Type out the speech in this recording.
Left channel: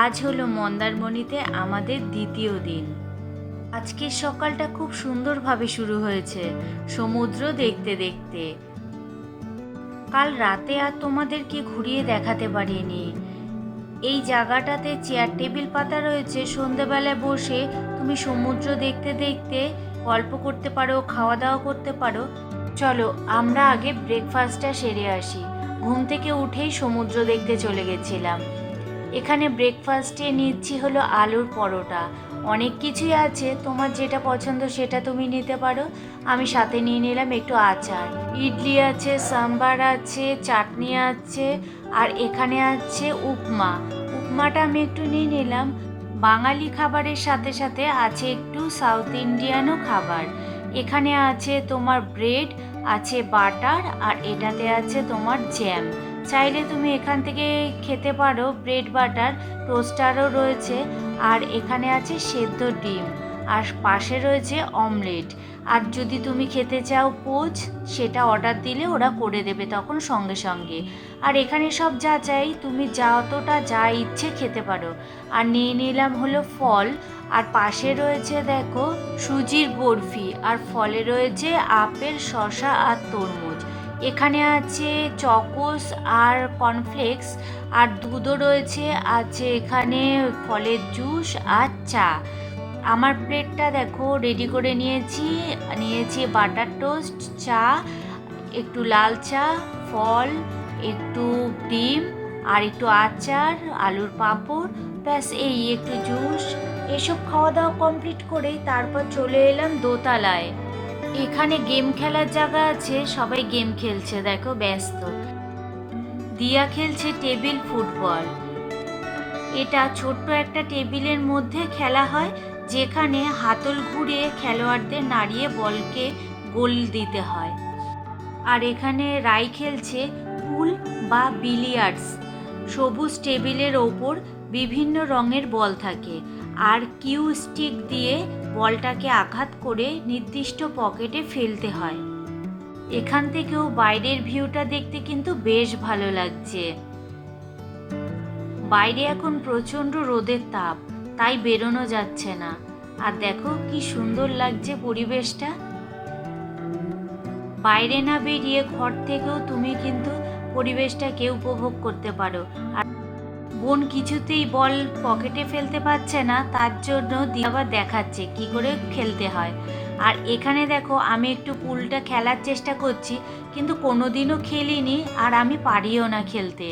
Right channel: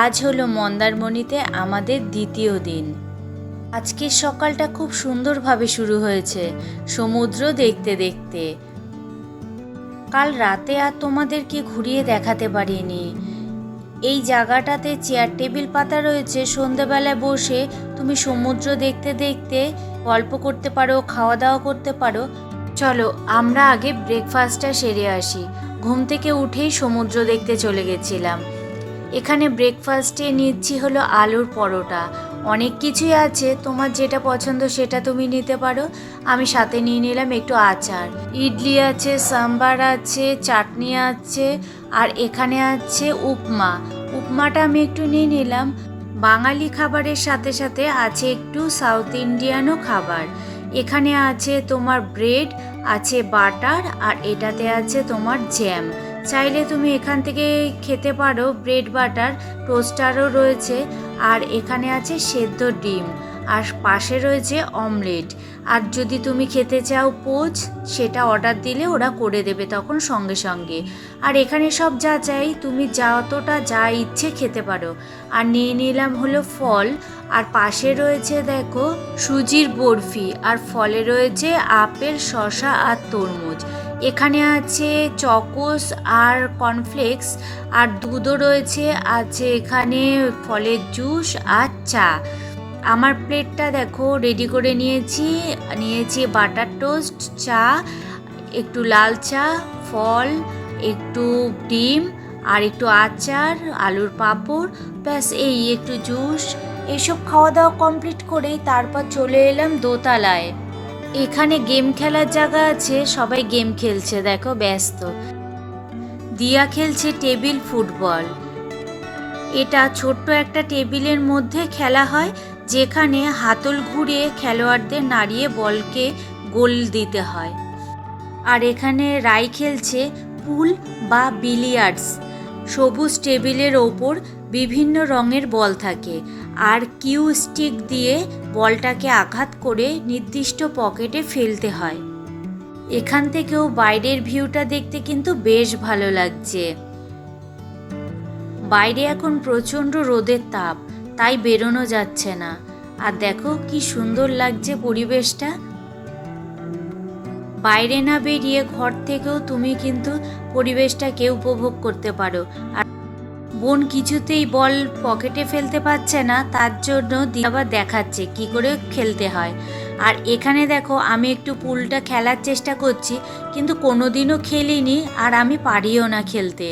আজ হলো মন্দারমণিতে আমাদের দ্বিতীয় দিন। আজকের সকালটা খুব সুন্দরভাবে শুরু হয়েছে সমুদ্র দেখতে দেখতে। কাল রাতে আর তোমাদেরকে ঘুরিয়ে দেখাতে পারিনি। এই জায়গাটাতে চেয়ার টেবিল পাতা রয়েছে, সন্ধ্যেবেলায় বসে তুমি সমুদ্র দেখতে দেখতে গল্প করতে পারো, খাওয়া দাওয়া করতে পারো। চলো আমরা আগে ব্রেকফাস্টটা সেরে আসি। ঘুম থেকে উঠেই সমুদ্র দেখতে চলে গেছিলাম। এখানে ব্রেকফাস্টে নিচ্ছি হলো আলুর পরোটা। অনেক কিছুই আছে, তোমার যেটা পছন্দ সেটা তুমি নিতে পারো। আমি সাথে নিয়ে নিলাম একটু আচার। ইডলি আছে, সাম্বার আছে, চাটনি আছে, আর এখানে আছে উপমা। উপমাটা আমি একটু নিয়ে নিলাম। বাঙালি খাবারের সাথে সাথে আছে একটু সাউথ ইন্ডিয়ানও খাবার। এখানে আছে তোমার ব্রেড, আছে বাটার, আর এটাতে আছে তোমার জ্যাম। চাইলে তুমি এখান থেকে খেতে পারো ব্রেড বাটার। টোস্টারও রয়েছে, আর এখানে আছে সেদ্ধ ডিম, আর পাশে রয়েছে অমলেট। আর যদি তুমি খেতে চাও পোচ, সেটা অর্ডার দিলে ওরা করে দেবে তখন সঙ্গে সঙ্গে। আর এখানে সব যা চাই তুমি যতটা যা ইচ্ছে খেতে পারো। আর নিয়ে নিলাম হলো ফল, আর পাশে রয়েছে দেখো সুজির বরফি, আর ফলে রয়েছে আপেল, শসা আর তরমুজ। এখানে আছে চকোস আর কর্নফ্লেক্স, আর দুধও রয়েছে, আছে এখানে ফলের জুস আর চা। আমার প্লেটটা দেখো রেডি করে নিয়েছি বাটার টোস্ট, চা, একটু লাল চা, ফল, একটু ডিম, আর একটু আচার, আলুর পাঁপড়, ব্যাস এই একটু জুস। এসব খাওয়া দাওয়া কমপ্লিট করেই তারপর চলে এলাম দোতলায়। এখানে গেম খেলার জায়গা আছে, সবাই গেম খেলছে দেখো ব্যস্ত। দিয়া খেলছে টেবিল ফুটবল। এটা ছোট্ট একটা টেবিলের মধ্যে খেলা হয়, যেখানে হাতল ঘুরিয়ে খেলোয়াড়দের নাড়িয়ে বলকে গোল দিতে হয়। আর এখানে রাই খেলছে পুল বা বিলিয়ার্ডস। সবুজ টেবিলের ওপর বিভিন্ন রঙের বল থাকে, আর কিউ স্টিক দিয়ে বলটাকে আঘাত করে নির্দিষ্ট পকেটে ফেলতে হয়। এখান থেকেও বাইরের ভিউটা দেখতে কিন্তু বেশ ভালো লাগছে। বাইরে এখন প্রচণ্ড রোদের তাপ, তাই বেরোনো যাচ্ছে না। আর দেখো কি সুন্দর লাগছে পরিবেশটা। বাইরে না বেরিয়ে ঘর থেকেও তুমি কিন্তু পরিবেশটাকে উপভোগ করতে পারো। আর বোন কিছুতেই বল পকেটে ফেলতে পারছে না, তার জন্য আবার দেখাচ্ছে কি করে খেলতে হয়। আর এখানে দেখো আমি একটু পুলটা খেলার চেষ্টা করছি, কিন্তু কোনোদিনও খেলিনি, আর আমি পারিও না খেলতে।